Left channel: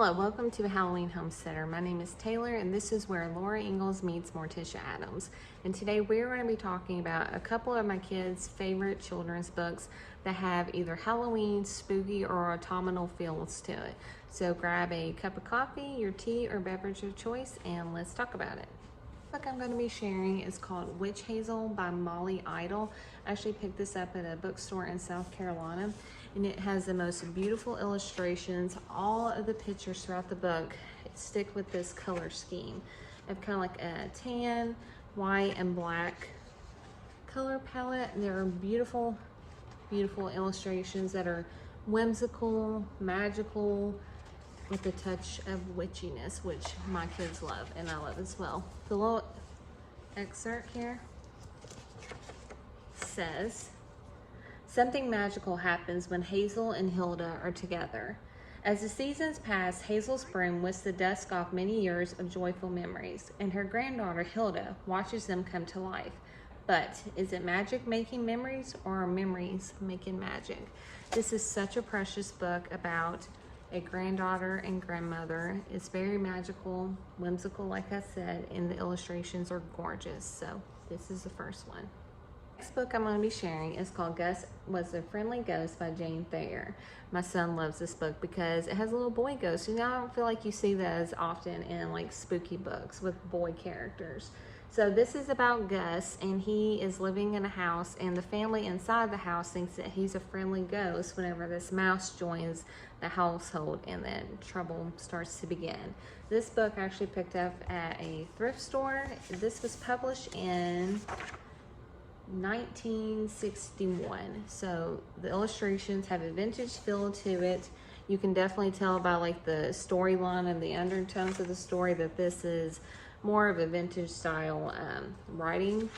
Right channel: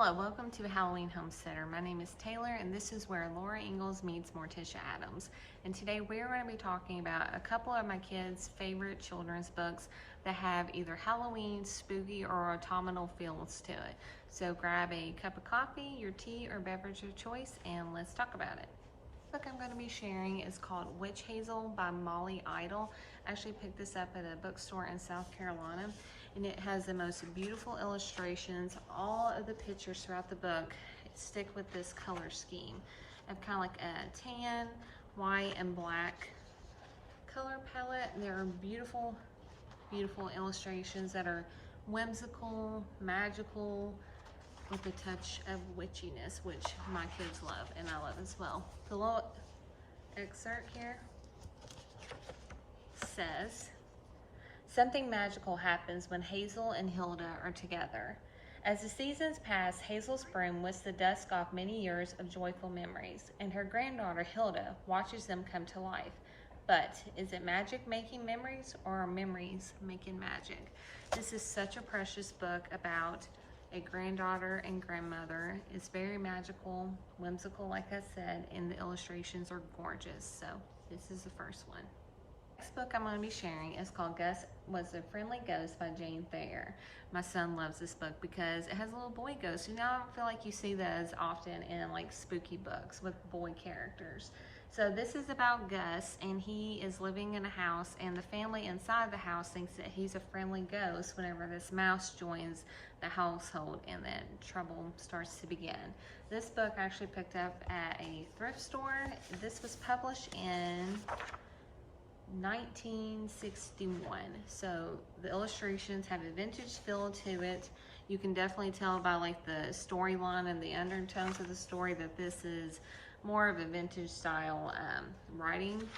Hello, welcome to Halloween Homesteader. My name is Taylor and this is where Laura Ingalls meets Morticia Adams. And today we're going to be talking about a couple of my kids' favorite children's books that have either Halloween, spooky, or autumnal feels to it. So grab a cup of coffee, your tea, or beverage of choice, and let's talk about it. The book I'm going to be sharing is called Witch Hazel by Molly Idle. I actually picked this up at a bookstore in South Carolina, and it has the most beautiful illustrations. All of the pictures throughout the book stick with this color scheme of kind of like a tan, white, and black color palette. There are beautiful, beautiful illustrations that are whimsical, magical, with a touch of witchiness, which my kids love and I love as well. The little excerpt here says, "Something magical happens when Hazel and Hilda are together. As the seasons pass, Hazel's broom whisks the dust off many years of joyful memories, and her granddaughter Hilda watches them come to life. But is it magic making memories, or are memories making magic?" This is such a precious book about a granddaughter and grandmother. It's very magical, whimsical, like I said, and the illustrations are gorgeous. So this is the first one. Next book I'm going to be sharing is called Gus Was a Friendly Ghost by Jane Thayer. My son loves this book because it has a little boy ghost. You know, I don't feel like you see those often in like spooky books with boy characters. So this is about Gus, and he is living in a house, and the family inside the house thinks that he's a friendly ghost whenever this mouse joins the household, and then trouble starts to begin. This book I actually picked up at a thrift store. This was published in 1961. So the illustrations have a vintage feel to it. You can definitely tell by like the storyline and the undertones of the story that this is more of a vintage style writing.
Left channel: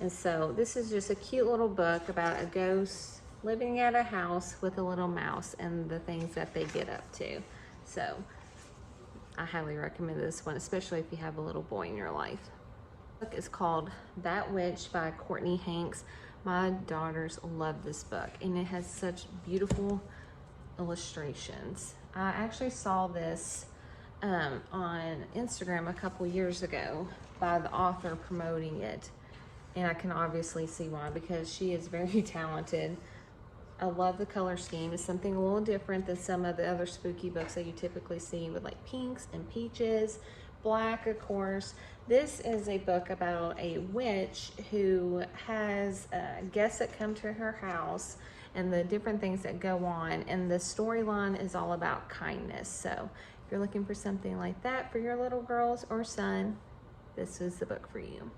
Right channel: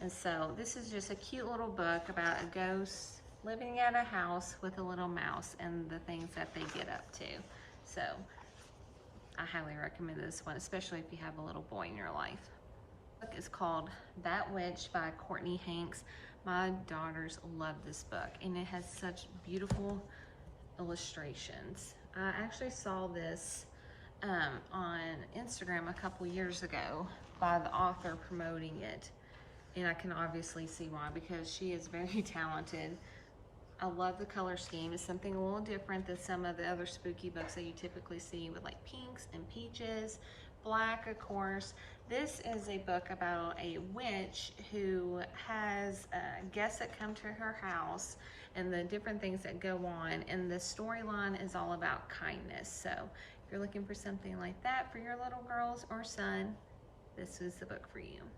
And so this is just a cute little book about a ghost living at a house with a little mouse and the things that they get up to. So I highly recommend this one, especially if you have a little boy in your life. Book is called That Witch by Courtney Hanks. My daughters love this book, and it has such beautiful illustrations. I actually saw this on Instagram a couple years ago by the author promoting it, and I can obviously see why, because she is very talented. I love the color scheme. It's something a little different than some of the other spooky books that you typically see with like pinks and peaches, black, of course. This is a book about a witch who has guests that come to her house and the different things that go on. And the storyline is all about kindness. So if you're looking for something like that for your little girls or son, this is the book for you.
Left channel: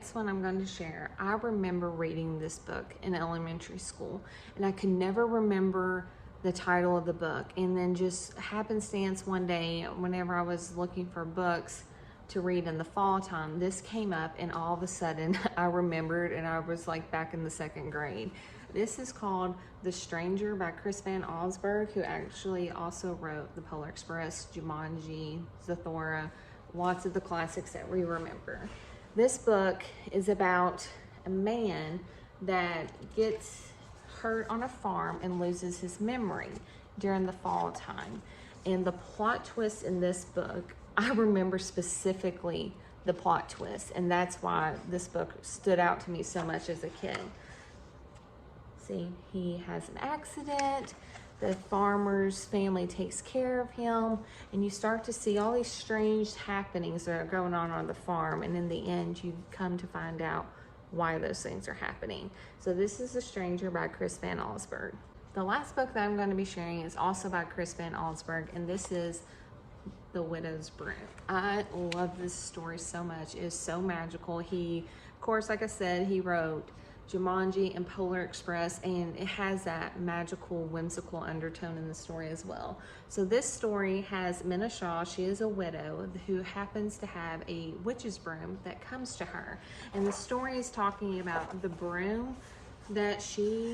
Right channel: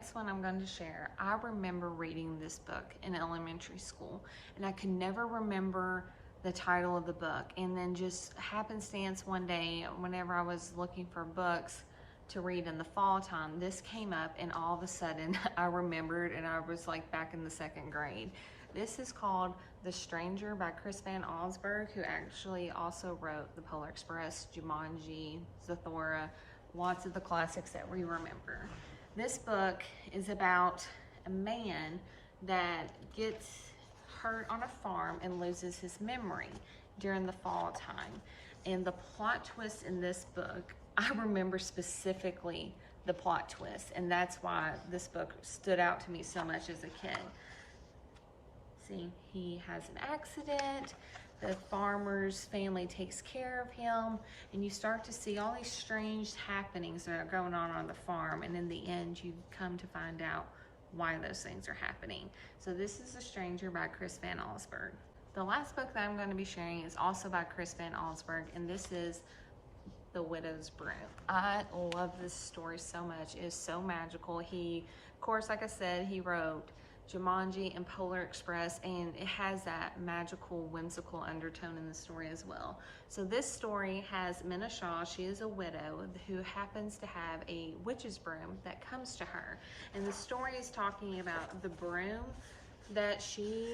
This one I'm going to share. I remember reading this book in elementary school, and I could never remember the title of the book. And then just happenstance one day, whenever I was looking for books to read in the fall time, this came up, and all of a sudden I remembered, and I was like back in the second grade. This is called The Stranger by Chris Van Allsburg, who actually also wrote The Polar Express, Jumanji, Zathura, lots of the classics that we remember. This book is about a man that gets hurt on a farm and loses his memory during the fall time. And the plot twist in this book, I remember specifically the plot twist, and that's why this book stood out to me so much as a kid. See, he has an accident. The farmer's family takes care of him, and you start to see all these strange happenings that are going on the farm, and in the end you come to find out why those things are happening. So this is The Stranger by Chris Van Allsburg. The last book that I'm going to be sharing is also by Chris Van Allsburg, and this is The Widow's Broom. I love this story so much. It is so magical. He, of course, like I said, he wrote Jumanji and Polar Express, and it has that magical, whimsical undertone in the story as well. So this story has Minna Shaw. She is a widow who happens to have a witch's broom that comes to her, and the story is talking about the broom that she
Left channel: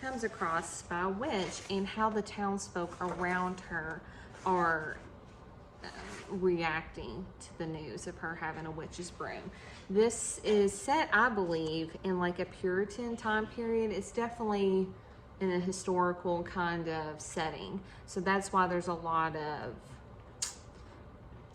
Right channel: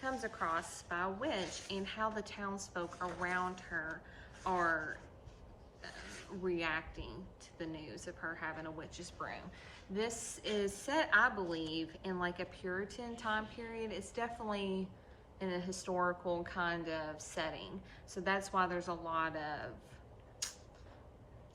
comes across by a witch and how the townsfolk around her are reacting to the news of her having a witch's broom. This is set, I believe, in like a Puritan time period. It's definitely in a historical kind of setting. So that's why there's a lot of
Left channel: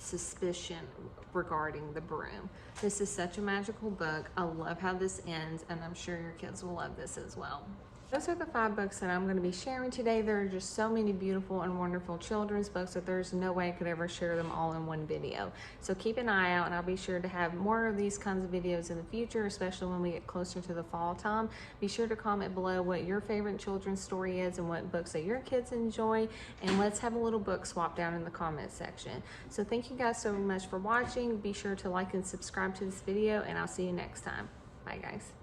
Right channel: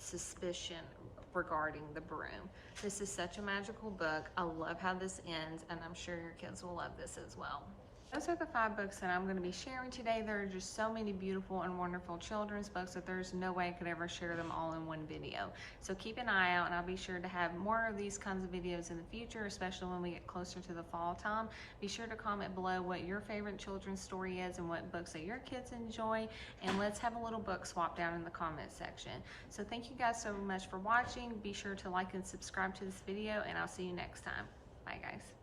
suspicion regarding the broom. This is such a magical book. I love how this ends, and I'm sure your kids will love this as well. Those are the 5 books that I'm going to be sharing today. There are just so many beautiful and wonderful children's books that there's no way I could ever share them all in one video. So keep an eye out, and I'll be sure to have more of these kinds of videos in the future, especially when we get closer to the fall time. Be sure to comment below what your favorite children's story is and what books that your kids enjoy, and let's have a little book swap down in the comment section. So thank you guys so much for watching. Be sure to like and subscribe to this video, and I'll see you next time. Bye guys.